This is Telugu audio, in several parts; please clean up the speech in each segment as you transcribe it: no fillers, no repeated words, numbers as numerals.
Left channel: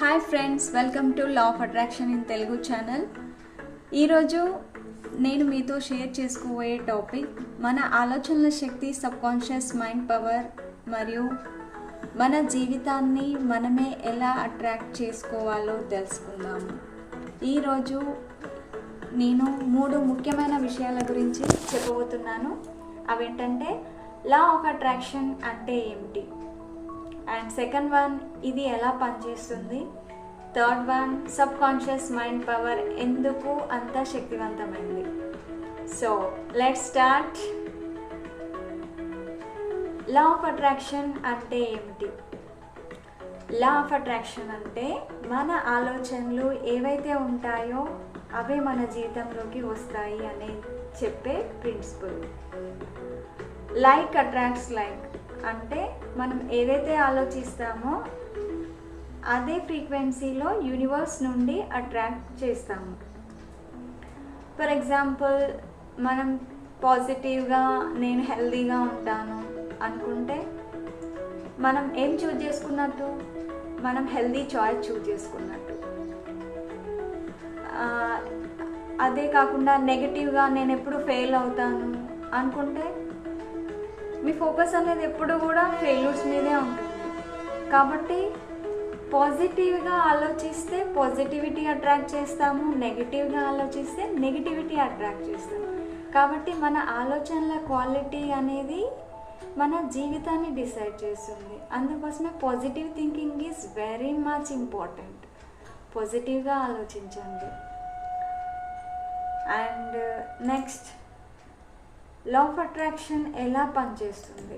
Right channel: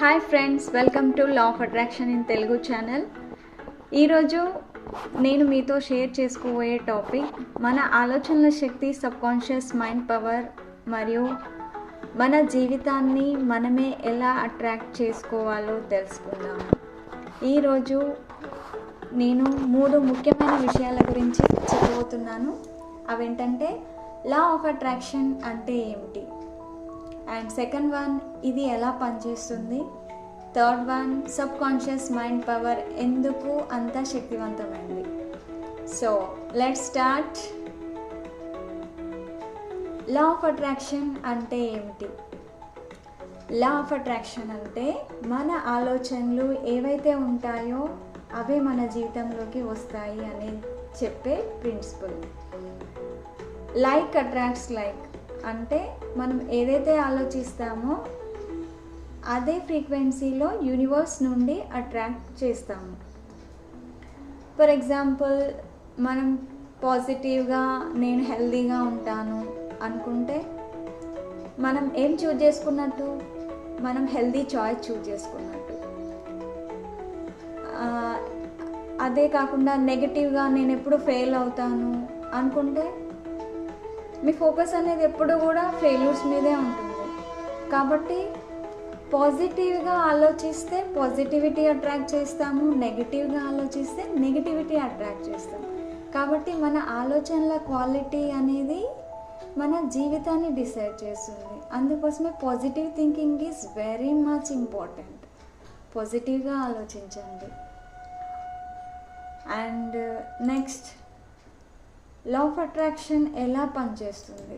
Hi friends, welcome to law of attraction in Telugu channel. ఈరోజు నేను మీతో షేర్ చేసుకోబోయే టాపిక్ మన ఆలోచనల శక్తి, సబ్కాన్షియస్ మైండ్ పవర్ మరియు మన జీవితాన్ని మనమే ఎలా అట్రాక్ట్ చేసుకోవాలో తెలుసుకుందాము. ఈరోజు నేను 3 ముఖ్యమైన విషయాల గురించి చెప్పబోతున్నాను. అవేంటంటే లా ఆఫ్ అట్రాక్షన్ అంటే ఏమిటి, అండ్ సెకండ్ వన్ ఇది ఎలా పనిచేస్తుంది, third one subconscious mind power ఎందుకు అంత శక్తివంతమైంది. So let's start. Law of attraction అంటే ఏమిటి? లా ఆఫ్ అట్రాక్షన్ అంటే మన ఆలోచనలు ఏవైతే ఉంటాయో అవే మన జీవితంలోకి వస్తాయి అని చెప్పే ప్రిన్సిపల్. లైక్ అట్రాక్ట్స్ లైక్ అంటే మనం ఏదైతే ఆలోచిస్తామో అదే ఫ్రీక్వెన్సీలో యూనివర్స్ నుండి అట్రాక్ట్ చేస్తాము. ఫర్ ఎగ్జాంపుల్, మనం పాజిటివ్గా నేను హెల్తీగా ఉంటాను అనుకుంటే మనం ఏం చూజ్ చేసుకున్నట్టు, మనం హెల్తీ చాయిస్ చూజ్ చేసుకున్నట్టు. అదే కాకుండా నెగటివ్గా నేను ఎప్పుడు ఫెయిల్ అవుతాను అనుకుంటే మీ ఫోకస్ అనేది ఎప్పుడు కూడా ఫెయిల్యూర్స్ మీదే ఉంటుంది. కాబట్టి పాజిటివ్గా ఆలోచిస్తే పాజిటివిటీ అట్రాక్ట్ చేస్తాము, నెగిటివ్గా ఆలోచిస్తే నెగిటివిటీ అట్రాక్ట్ చేస్తాము. కాబట్టి మన ఆలోచనల క్వాలిటీ అనేది మన జీవితాన్ని డిసైడ్ చేస్తుంది. అందుకోసమే positive thinking is very much important. పాజిటివ్గా ఆలోచించండి. And next, law of attraction ఎలా పనిచేస్తుంది?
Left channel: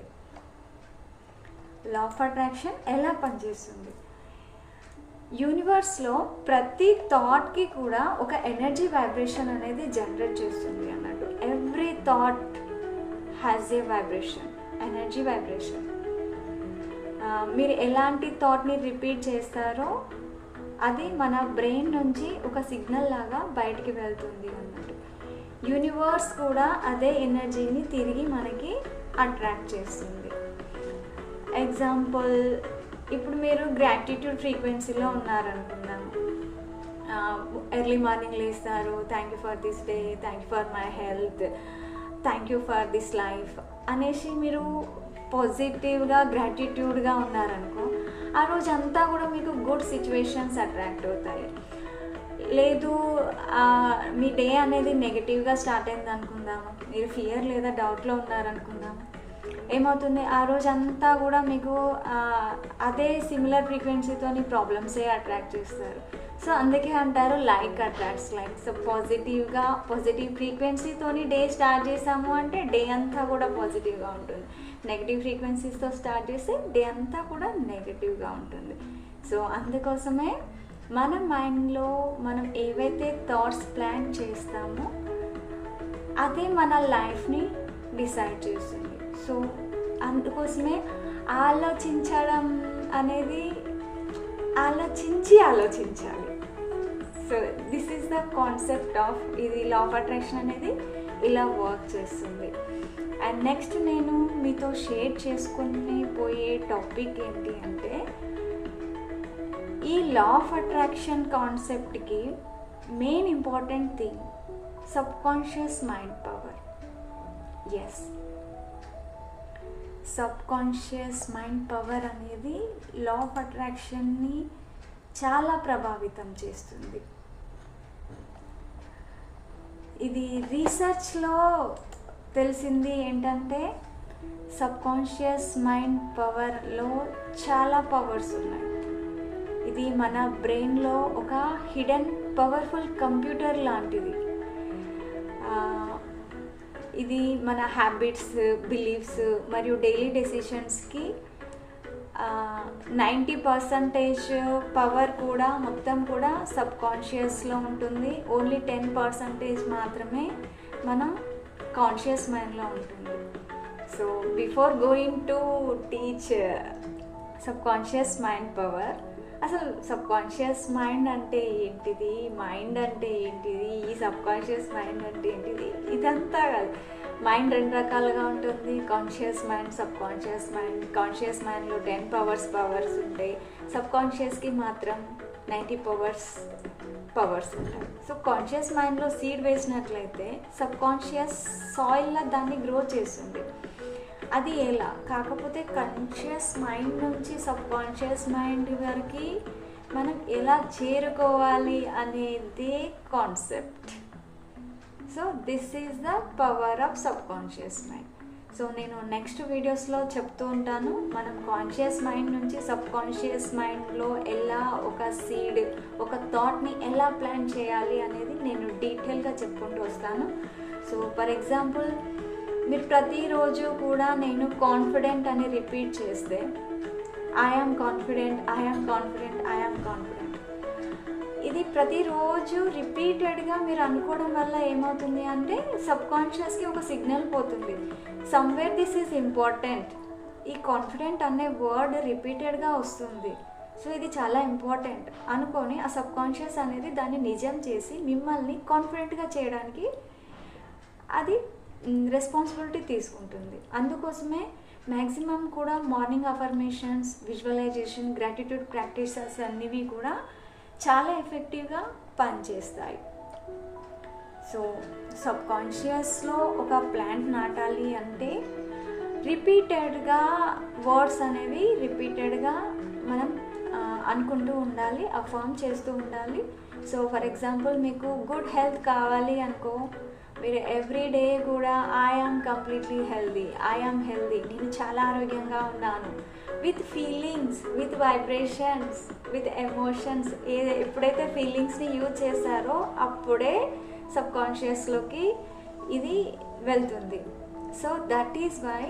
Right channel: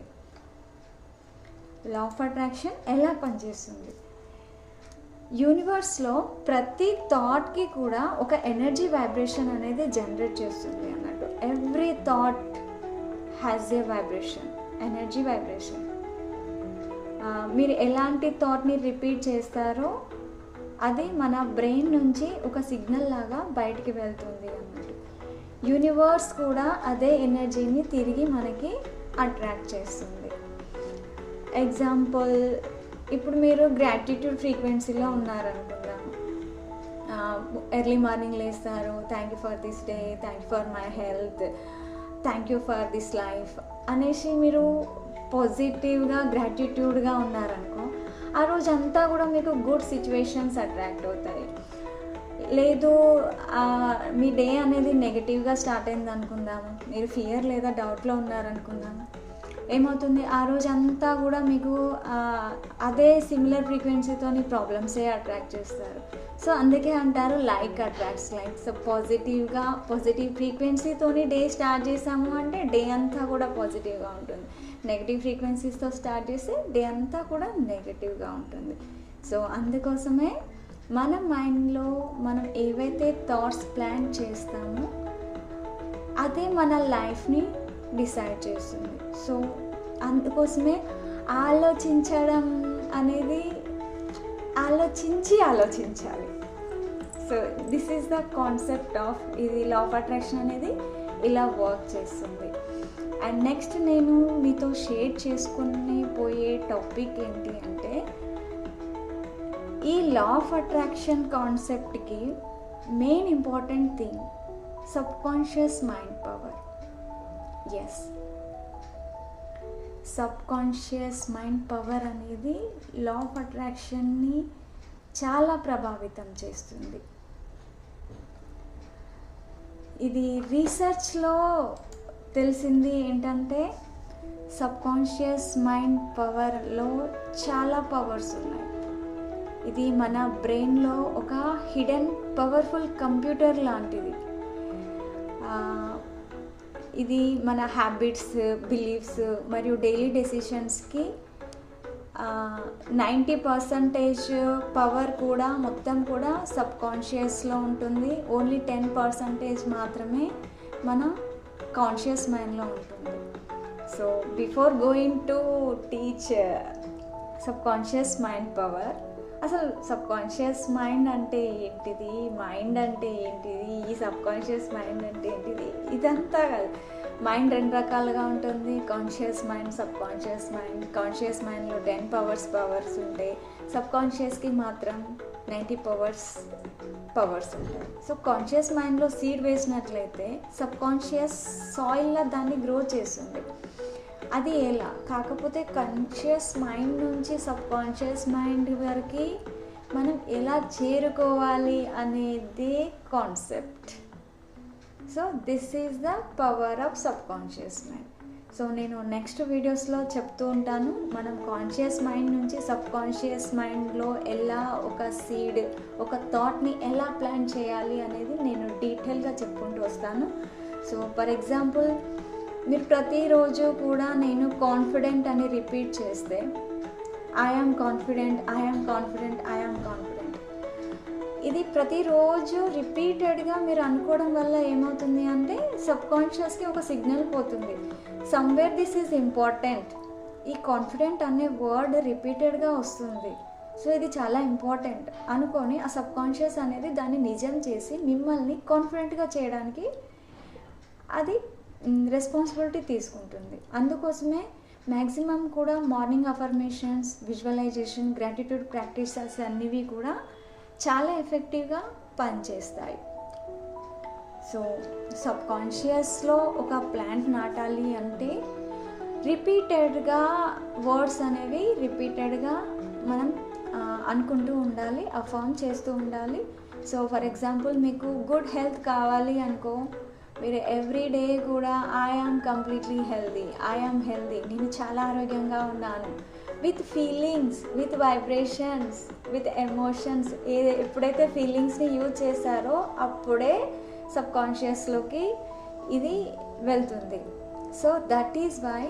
లా ఆఫ్ అట్రాక్షన్ ఎలా పనిచేస్తుంది? యూనివర్స్లో ప్రతి థాట్కి కూడా ఒక ఎనర్జీ వైబ్రేషన్ అనేది జనరేట్ చేస్తుంది అన్నట్టు. Every thought has a vibration, energy vibration. మీరు ఎలాంటి థాట్ని రిపీట్ చేస్తారో అది మన బ్రెయిన్ నుంచి ఒక సిగ్నల్ లాగా బయటికి వెళ్తుంది అన్నట్టు. యూనివర్స్ కూడా అదే ఎనర్జీని తిరిగి మనకి అట్రాక్ట్ చేస్తుంది. ఎగ్జాంపుల్, ఇప్పుడు మీరు గ్రాటిట్యూడ్ ఫ్రీక్వెన్సీలో ఉన్నారనుకుందాం. ఎర్లీ మార్నింగ్ లేస్తారు, thank you for this day, thank you for my health, thank you for this life అనేసి మీరు పాజిటివ్గా గ్రాటిట్యూడ్గా ఉన్నారనుకో, ఆ రోజంతా కూడా మీకు గుడ్ సిచ్యువేషన్స్ అట్రాక్ట్ అవుతాయి. లేదు, మీ డే అనేది నెగిటివ్గా స్టార్ట్ అయింది అనుకుందాము, మీరు ఫియర్ లేదా డౌట్లో ఉన్నారనుకుందాము, ఏమవుతుంది, ఆ రోజు అంతా కూడా మీకు అదే సిమిలర్ ఫ్రీక్వెన్సీతోని ప్రాబ్లమ్సే అట్రాక్ట్ చేస్తారు. సో అందుకే అంటారు like attracts like. So positive ఫ్రీక్వెన్సీతోని డే స్టార్ట్ చేసాము అంటే డే అంతా కూడా పాజిటివ్గా ఉంటుంది. నెగిటివ్ ఫ్రీక్వెన్సీస్తో స్టార్ట్ చేస్తే డే అంతా కూడా నెగిటివ్గా ఉంటుంది. సో అందుకోసమే మన మైండ్లో మనం ఏవైతే థాట్స్ ప్లాన్ చేస్తామో అదే మన లైఫ్ని డిసైడ్ చేస్తుంది. సో అందుకోసమే ఆలోచించడం అనేది ఆలోచించాలి. So this is the concept of ఇది లా ఆఫ్ అట్రాక్షన్ అనేది ఇలా వర్క్ చేస్తుంది. అండ్ నెక్స్ట్ నేను మీతో షేర్ చేసుకుని పోయే టాపిక్ ఏంటి అంటే, ఈ లా ఆఫ్ అట్రాక్షన్ కాన్సెప్ట్కి main important thing subconscious mind power. Yes, subconscious mind power అనేది లా ఆఫ్ అట్రాక్షన్ని చాలా ప్రభావితం చేస్తుంది. ఇది రీసెర్చ్లో తెలిసింది ఏంటంటే సబ్కాన్షియస్ మైండ్ పవర్లో చాలా పవర్స్ ఉన్నాయి. ఇది మన బ్రెయిన్లో ఒక హిడెన్ పవర్ఫుల్ కంప్యూటర్ లాంటిది. ఇది మన హ్యాబిట్స్, బిలీఫ్స్ మరియు డైలీ డెసిషన్స్కి 90% పవర్ కూడా మొత్తం కూడా సబ్కాన్షియస్లో ఉంటుంది. ఓన్లీ 10% మాత్రమే మన కాన్షియస్ మైండ్లో ఉంటుంది. So before going to teach subconscious mind power, అసలు సబ్కాన్షియస్ మైండ్ అంటే ఏంటిది, మైండ్ అంటే ఏంటిది, ఈ సబ్కాన్షియస్ మైండ్ అంటే ఏంటిది, ఇదంతా కాదు. మైండ్ 2 రకాలుగా ఉంటుంది, conscious mind, sub conscious mind. Conscious మైండ్లో 10 పవర్స్ ఉంటాయి, సబ్ కాన్షియస్కి మాత్రం 90 పవర్స్ ఉంటాయి. సో కాన్షియస్ మైండ్లో సీడ్ వేసినట్లయితే సబ్ కాన్షియస్ సాయిల్లో దాన్ని గ్రో చేస్తుంది. అది ఎలా? కాకపోతే కాన్షియస్ మైండ్ నుంచి సబ్ కాన్షియస్ మైండ్ వరకు మనం ఎలా చేరుకోవాలి అనేది concept. So this is the power of sub conscious mind. So నేను నెక్స్ట్ వీడియోస్లో చెప్తూ ఉంటాను, మనం కాన్షియస్ మైండ్ నుంచి సబ్ కాన్షియస్ మైండ్లో ఎలా ఒక సీడ్, ఒక థాట్ని ఎలా ప్లాన్ చేయాలి అనేది నేను డీటెయిల్గా చెప్పుకుంటూ వస్తాను. సో ఫర్ ఎగ్జాంపుల్, మీరు ప్రతిరోజు కూడా నేను కాన్ఫిడెంట్ అని రిపీట్ చేస్తే, I am confident, I am confident, I am confident, ఇది ప్రతిరోజు రిపీటెడ్గా మీరు అనుకోవడం వల్ల ఏమవుతుంది అంటే సబ్ కాన్షియస్కి ఒక సిగ్నల్ పోతుంది, సమ్వేర్ దిస్ ఈజ్ ఇంపార్టెంట్. ఈ కాన్ఫిడెంట్ అనే వర్డ్ రిపీటెడ్గా వస్తుంది, సో ఇది చాలా ఇంపార్టెంట్ అనుకొని ఆ సబ్ కాన్షియస్ అనేది దాన్ని నిజం చేసి మిమ్మల్ని కాన్ఫిడెంట్గా చేయడానికి అది రెస్పాన్సిబిలిటీ తీసుకుంటుంది. అందుకోసమే మ్యాక్సిమం కూడా morning affirmations, visualisation, gratitude practices అన్నివి కూడా చాలా ఎఫెక్టివ్గా పనిచేస్తాయి. సో సబ్ కాన్షియస్లో ఒక ప్లాంట్ నాటాలి అంటే రిపీటెడ్గా వర్డ్స్ అనేవి రిపీటెడ్గా మనం అనుకుంటూ ఉండాలి, అఫర్మ్ చేస్తూ ఉండాలి. సో ఫర్ ఎగ్జాంపుల్, మీకు గుడ్ హెల్త్ కావాలి అనుకో, మీరు ఎవ్రీ డే కూడా I am completely healthy, I am healthy, నేను చాలా ఆరోగ్యంగా ఉన్నాను, with feelings, with vibrations, with emotions. ఎప్పుడైతే ఫీలింగ్స్ని యూజ్ చేస్తారో అప్పుడే సబ్ కాన్షియస్లోకి ఇది వెళ్తుంది. సో దట్ ఈజ్ వై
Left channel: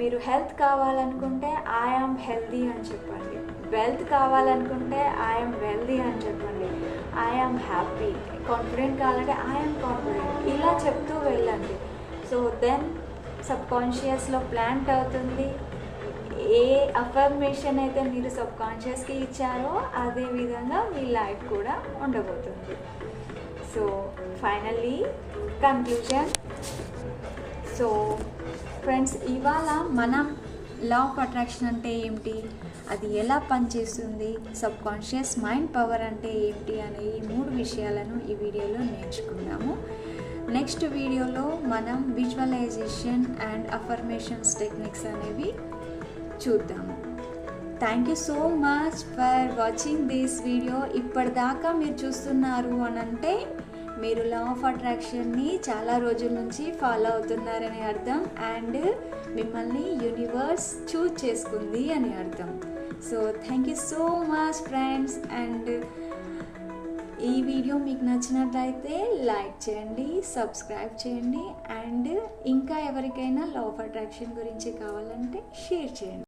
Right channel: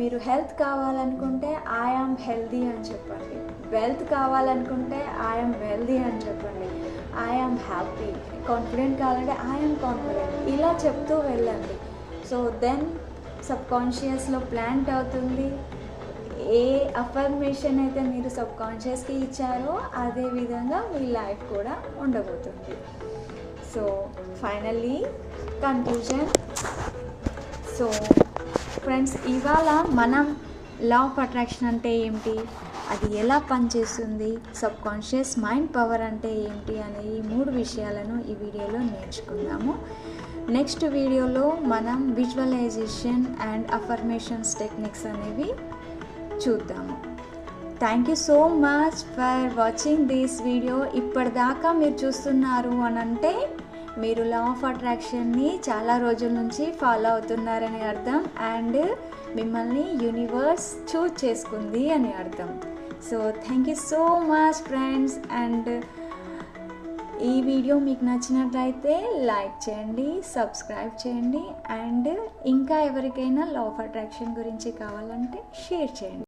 మీరు హెల్త్ కావాలనుకుంటే ఐఆమ్ హెల్దీ అని చెప్పండి, వెల్త్ కావాలనుకుంటే ఐఆమ్ వెల్దీ అని చెప్పండి, ఐఆమ్ హ్యాపీ, కాన్ఫిడెంట్ కావాలంటే ఐఆమ్ కాన్ఫిడెంట్, ఇలా చెప్తూ వెళ్ళండి. సో దెన్ సబ్ కాన్షియస్లో ప్లాంట్ అవుతుంది. ఏ అఫర్మేషన్ అయితే మీరు సబ్ కాన్షియస్కి ఇచ్చారో అదే విధంగా మీ లైఫ్ కూడా ఉండబోతుంది. So finally conclusion. So friends, ఇవాళ మనం లా ఆఫ్ అట్రాక్షన్ అంటే ఏమిటి, అది ఎలా పనిచేస్తుంది, సబ్ కాన్షియస్ మైండ్ పవర్ అంటే ఏమిటి అనే ఈ 3 విషయాలను ఈ వీడియోలో నేర్చుకుందాము. నెక్స్ట్ వీడియోలో మనం విజువలైజేషన్ అండ్ అఫర్మేషన్స్ టెక్నిక్స్ అనేవి చూద్దాము. Thank you so much for watching this video. ఇప్పటిదాకా మీరు చూస్తున్నారు అనంటే మీరు లా ఆఫ్ అట్రాక్షన్ని చాలా రోజుల నుంచి ఫాలో అవుతున్నారని అర్థం, అండ్ మిమ్మల్ని యూనివర్స్ చూజ్ చేసుకుంది అని అర్థం. So thank you so much friends. And ఈ వీడియో మీకు నచ్చినట్లయితే లైక్ చేయండి, సబ్స్క్రైబ్ చేయండి, అండ్ ఇంకా ఎవరికైనా లా ఆఫ్ అట్రాక్షన్ గురించి కావాలంటే షేర్ చేయండి.